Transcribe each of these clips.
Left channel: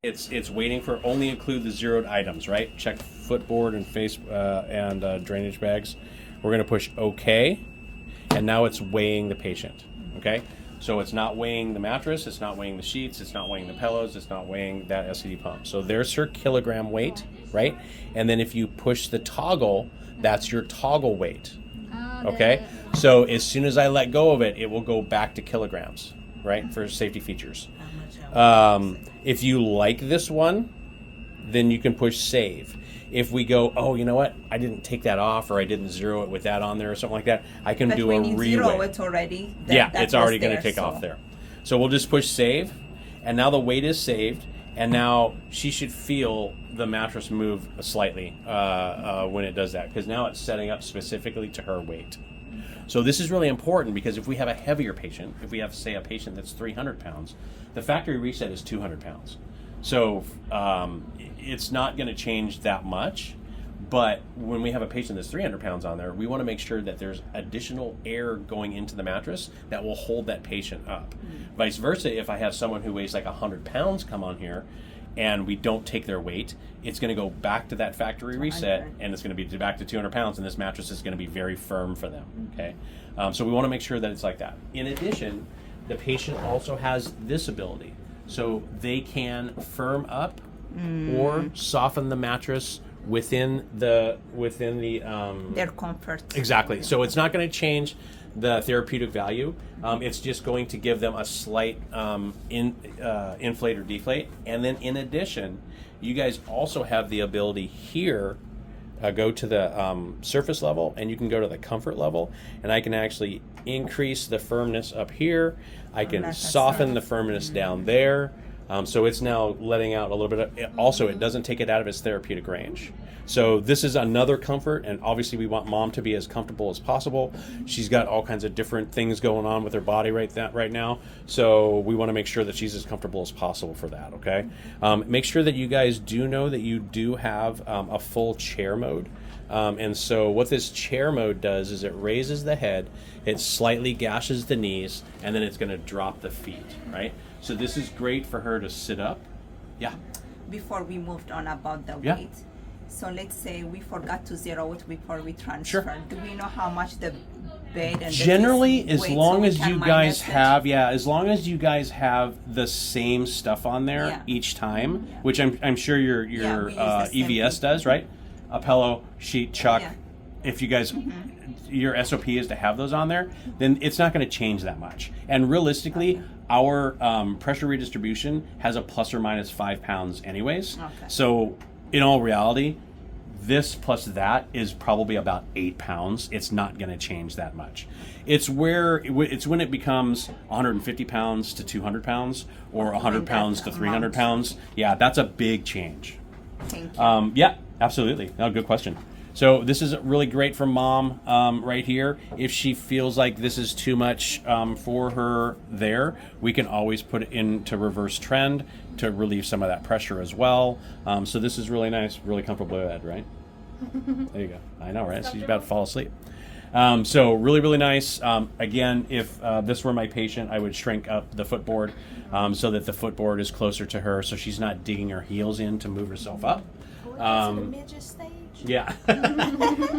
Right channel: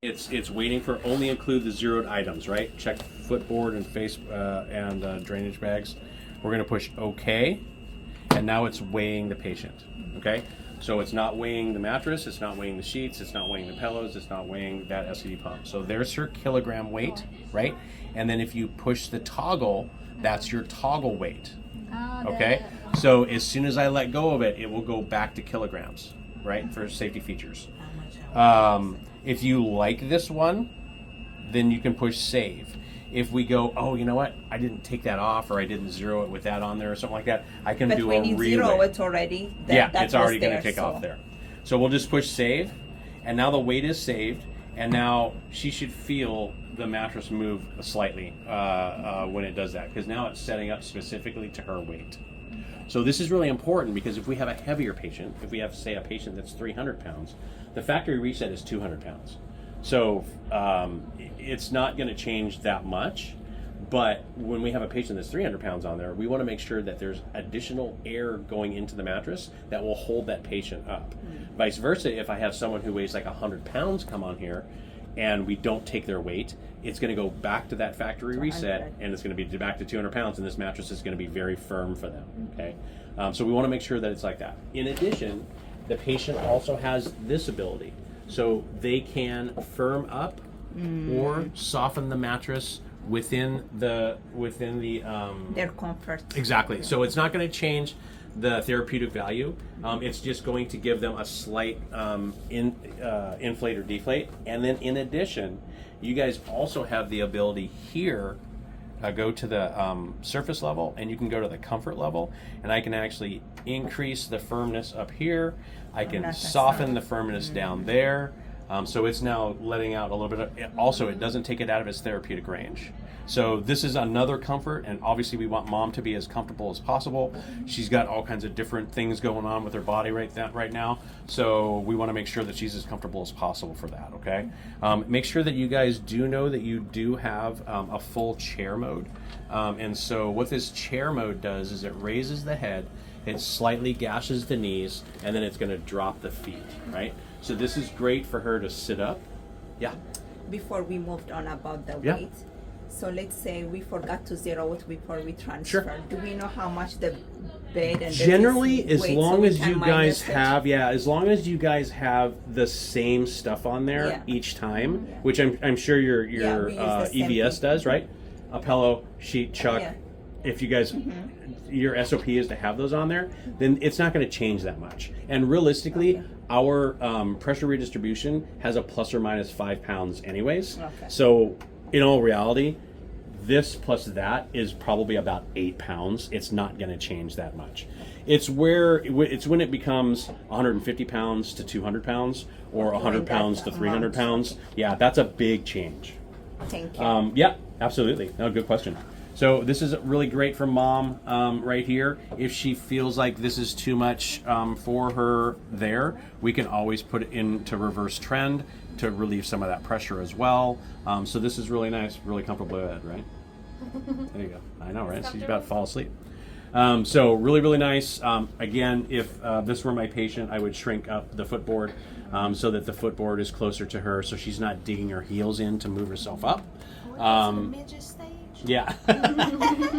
It's waiting for only include the zeroed items, right? Check footboard and face and drainage bags. We're going to push OK, and now it's weighing the patient. Okay, so it's not weighing the mattress, it's not weighing the sheets, it's not weighing the pillows, it's not weighing that SCD pump. So there's her kilogram weight, right? And then if you push the toggle, that's your toggle weight. Okay, so as soon as I let go of it, it will go back to kilograms, right? For safety features. If you like this one, then you can push save. If we go, oh, you know what? I didn't take that off, or I didn't zero it with that on there, or something like that. I can do a But when you zero, re-weight. it's already It's already going to take so. off there. So we'll just push save, and now the weight is saved, and now she should feel the mattress move slightly when it does that, because now it's setting up specifically to her weight. So this is really important, because if we have a heavier patient, if we have, say, a patient that's 300 pounds, the factory reset is 200 pounds. So it's not going to change that much, but when we have a patient that's 300 pounds on there, we want to make sure that there's additional air going into the mattress that will hold that patient up. Vice versa, if I have someone who weighs like 100 pounds come on here, and we don't take their weight, it's going to go back to that factory reset, and it's going to be back to 200 pounds, and this mattress is going to be very firm for them. Okay, so we want to make sure that it's like that. In addition, the patient also has this ability, so they can firm up or soften the mattress within the Their comfort. Exactly. So it's not going to change the therapeutic value. It's just going to give them a slight inflate or deflate. And then in addition, you guys also have the ability here, go to the surface level, and you can go to the comfort level, and I can actually increase the firmness up here. I can soften the firmness down there. So it's now letting out a little bit of, also it doesn't take it out of its therapeutic range. So this is another comfort, and obviously we want mom to be as comfortable as possible. She's got all kinds of different things going on with her body right now, so we want to make sure that she's as comfortable as possible for that, okay? Make sure that you guys do know that you do have a full chair mode. And so what this chair mode does is it raises the head, it slightly gashes the knees, and then it's going to drop the feet, right? So this is great for her to sit up. Yeah. Before we moved on about the Yeah. weight, so let's say we forgot to zero it before we transfer. Sure. Do we know how much the bed and Generally, the as weight, long so we as can you minus guys it? have, as long as you guys have the same stuff on there Yeah. each time, Yeah. which I'm sure your we use the same EVS thing. does, right? A pillow, sheet, chuck. Yeah. If you guys, your SOP is to have those on there, then it's not going to change that much. And realistically, our pressure redistribution has a plus or minus 5 pounds anyways. Okay. So in all reality, this plus that is probably about 8 pounds. It's not going to change that much. It's when it becomes 150 pounds to 200 pounds or 100 pounds to 300 pounds. Yeah, that's a big change. Thank you. Yeah, absolutely. No, good question. So this is really great for mom right here. If she feels like this is too much for her there, we can always put it into reverse trend to relieve some of that pressure as well. So this is really nice, really comfortable bed, right? There you go. I know, right? She's about to fall asleep. So really, really nice. Again, if this were my patient, I would shrink up the footboard so that the footboard is closer to her, so she's not digging her heels in to move herself up. Midget stage. Yeah.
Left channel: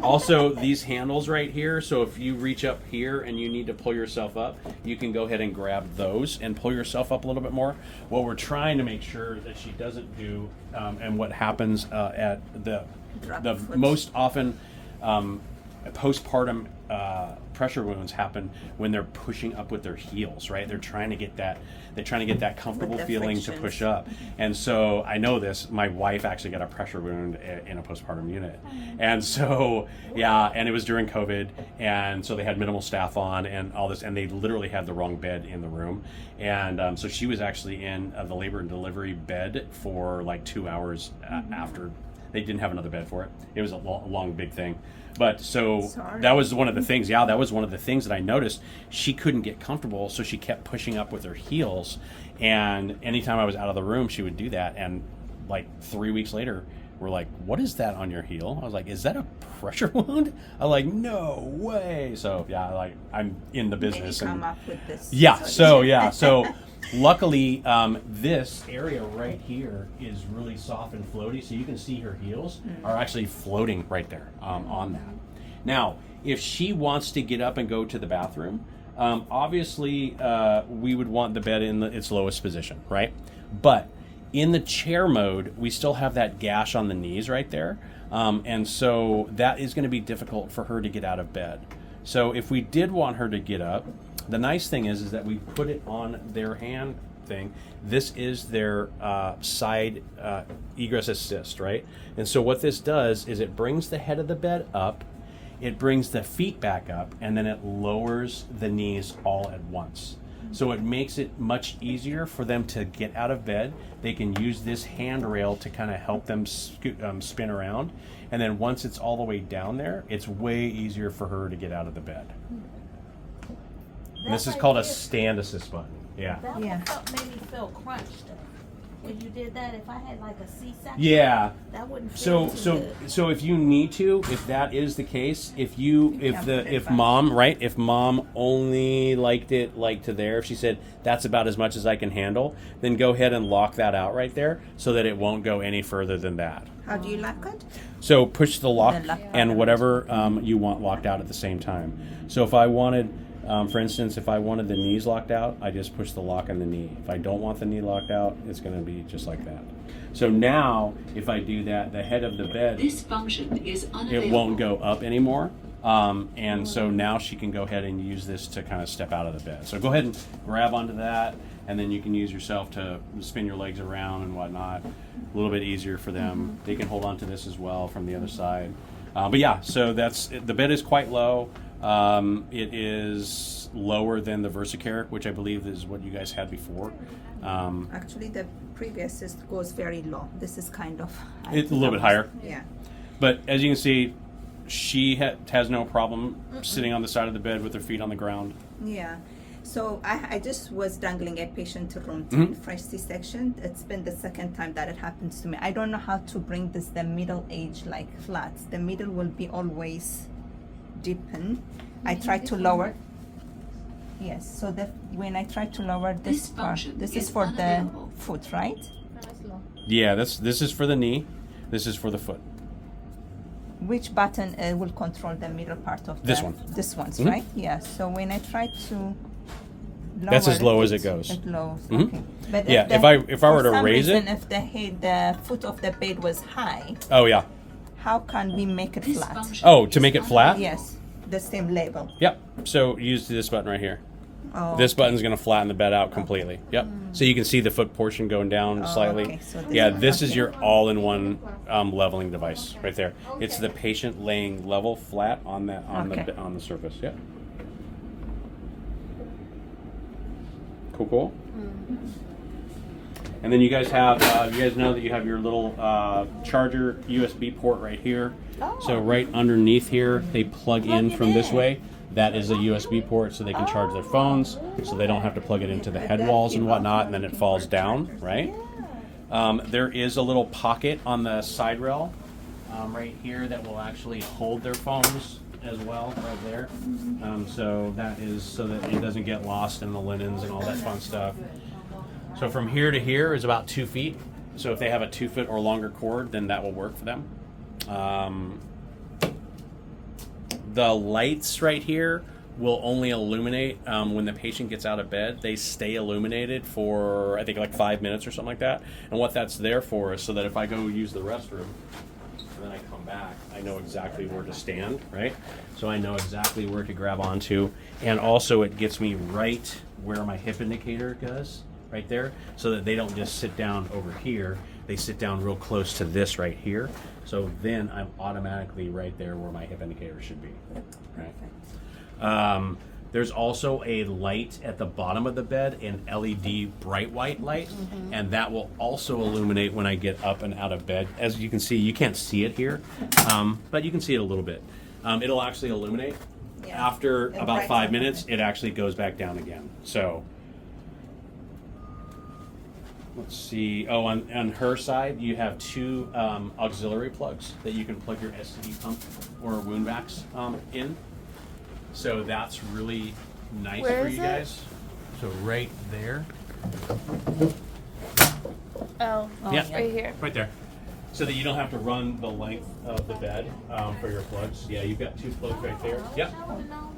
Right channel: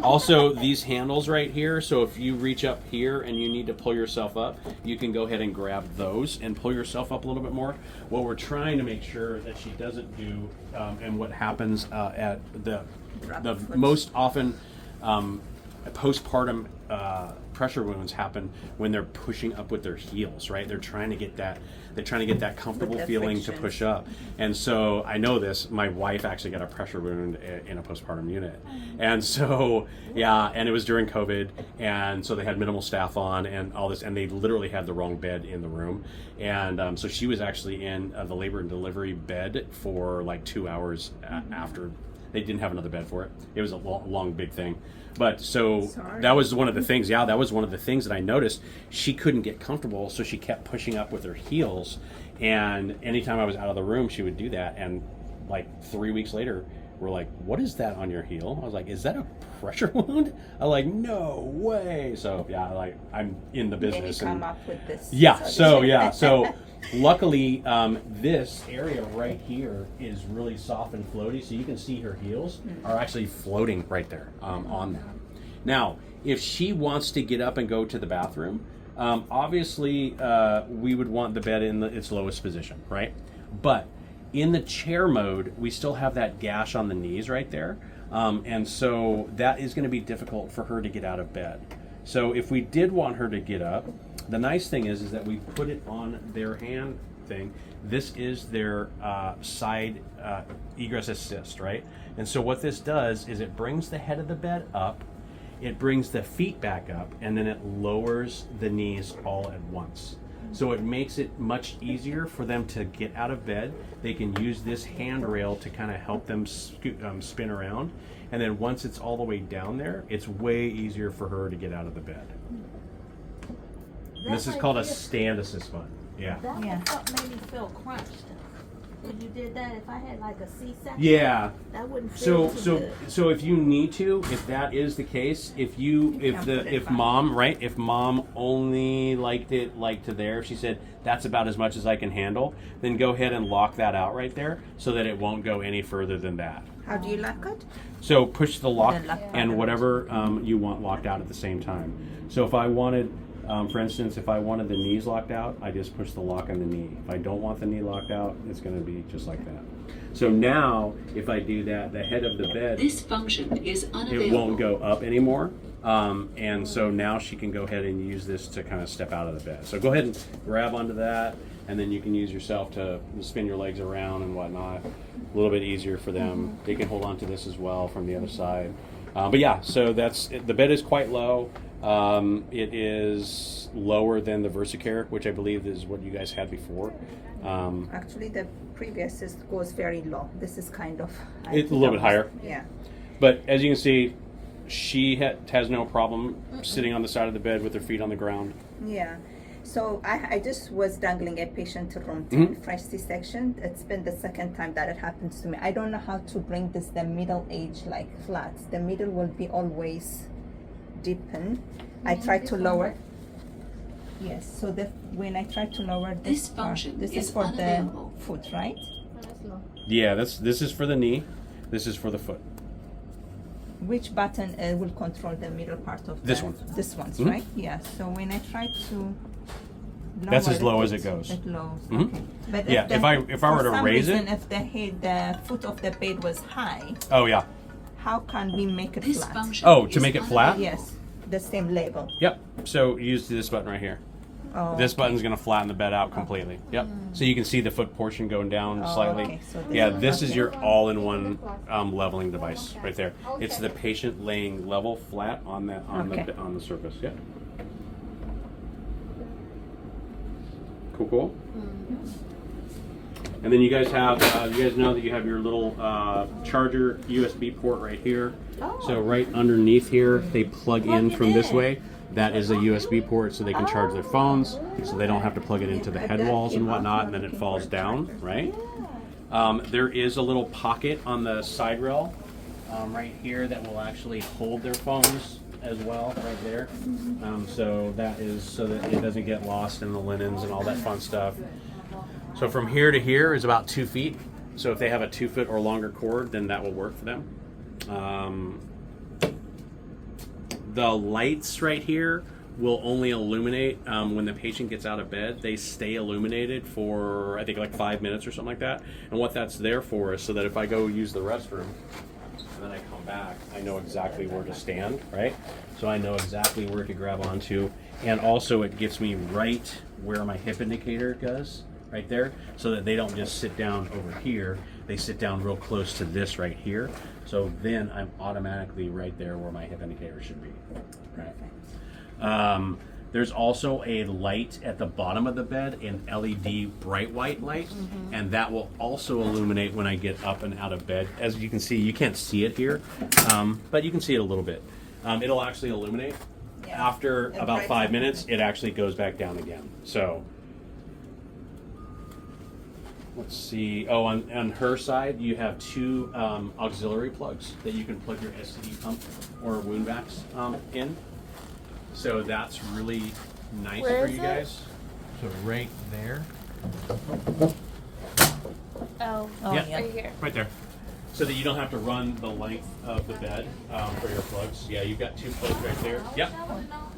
Also, these handles right here, so if you reach up here and you need to pull yourself up, you can go ahead and grab those and pull yourself up a little bit more. What we're trying to make sure that she doesn't do, and what happens at the most often postpartum pressure wounds happen when they're pushing up with their heels, right? They're trying to get that comfortable feeling to push up. And so I know this, my wife actually got a pressure wound in a postpartum unit. And so, and it was during COVID. And so they had minimal staff on and all this, and they literally had the wrong bed in the room. And so she was actually in the labor and delivery bed for like 2 hours after. They didn't have another bed for it. It was a long big thing. But so that was one of the things. Yeah, that was one of the things that I noticed. She couldn't get comfortable, so she kept pushing up with her heels. And anytime I was out of the room, she would do that. And like 3 weeks later, were like, "What is that on your heel?" I was like, "Is that a pressure wound?" I was like, "No way!" So yeah, like I'm in the business. Maybe come up with this. Yeah. solution. So luckily, this area right here is really soft and floaty, so you can see her heels are actually floating right there on that. Now, if she wants to get up and go to the bathroom, obviously we would want the bed in its lowest position, right? But in the chair mode, we still have that gash on the knees right there. And so that is going to be difficult for her to get out of bed. So if we did want her to get up, the nice thing is that we put it on their hand thing. This is their side egress assist, right? And so what this does is it brings the head of the bed up, it brings the feet back up, and then it lowers the knees all at once. So it makes it much easier for them to get out of bed. They can use this handrail to kind of help them spin around. And then once it's all the way down there, it's way easier for her to get out of the bed. And this is called a stand assist button. Yeah. That Yeah. made me feel crunched. When you did that, if I had like a C-section, Yeah. that wouldn't feel too good. So if you need to, if that is the case, if mom only liked it like to there, if she said that's about as much as I can handle, then go ahead and lock that out right there so that it won't go any further than that. How do you lock it? So push the lock The lock and button. whatever you want locked out at the same time. So if I wanted, for instance, if I wanted the knees locked out, I just push the lock on the knee. If I don't want the knee locked out, it's going to be just like that. So now, if I do that, the head of the bed, This function is unavailable. it won't go up anymore. And so now she can go ahead and use this to kind of step out of the bed. So go ahead and grab onto that, and then you can use yourself to spin your legs around and whatnot. A little bit easier for them. They can hold on to this as well from the other side. But yeah, so the bed is quite low. It is lower than the VersaCare, which I believe is what you guys had before. Actually, the previous goes very low. This is kind of It's a little bit higher. Yeah. But as you can see, she has no problem sitting on the side of the bed with her feet on the ground. Yeah. So I just was dangling a patient to room 10, fresh C-section. It's been the second time that it happens to me. I don't know how to bring the middle edge like flat. The middle will be always deepen. I try to lower. Yes. So when I try to lower this This part, function this is is for the unavailable. foot, right? Yeah, this is for the knee. This is for the foot. Which button will control the middle part of This one. This one's Mhm. right. Yeah. So when I try to That's lower as low as it goes. It lows. Mhm. Okay. But Yeah, the- if I were for to some raise reason, it- if the foot of the bed was high, Oh yeah. how can we make it This flat? function Oh, to is make it flat? unavailable. Yes, the same level. Yep. So use this button right here. Oh, This button's going to flatten the bed out completely. Yep. So you can see the foot portion going down slightly. okay. So this Yeah, is- this is okay. your all-in-one leveling device right there. It's the patient laying level flat on that Okay. on the surface. Yep. Cool. And then you guys have you guys know that you have your little charger USB port right here. So right underneath here, they plug in from this way. That is a USB port, so they can charge their phones, so they don't have to plug it into the head walls and whatnot, and then it falls down, right? There is a little pocket on the side rail right here that will actually hold their phones as well, right there. So that is so that it doesn't get lost in the linens and all that fun stuff. So from here to here is about 2 feet. So if they have a 2 foot or longer cord, then that will work for them. The lights right here will only illuminate when the patient gets out of bed. They stay illuminated for, I think, like 5 minutes or something like that. And what that's there for is so that if I go use the restroom and then I come back, I know exactly where to stand, right? So I know exactly where to grab onto. And also it gets me right where my hip indicator goes, right there, so that they don't just sit down over here. They sit down real close to this right here. So then I'm automatically right there where my hip indicator should be, right? There's also a light at the bottom of the bed, an LED bright white light, and that will also illuminate when I get up and out of bed. As you can see, you can't see it here, but you can see it a little bit. It'll actually illuminate. Yeah. After It about brights 5 up. minutes, it actually goes back down again. So let's see. Oh, on her side, you have two auxiliary plugs that you can plug your STD pump or wound vacs in. So that's really nice Where for is you it? guys. So right there. Oh, Yeah. right here. Right there. So that you don't have to run the length of the bed for your plugs. Yeah, you've got two plugs right there. Yep. I would know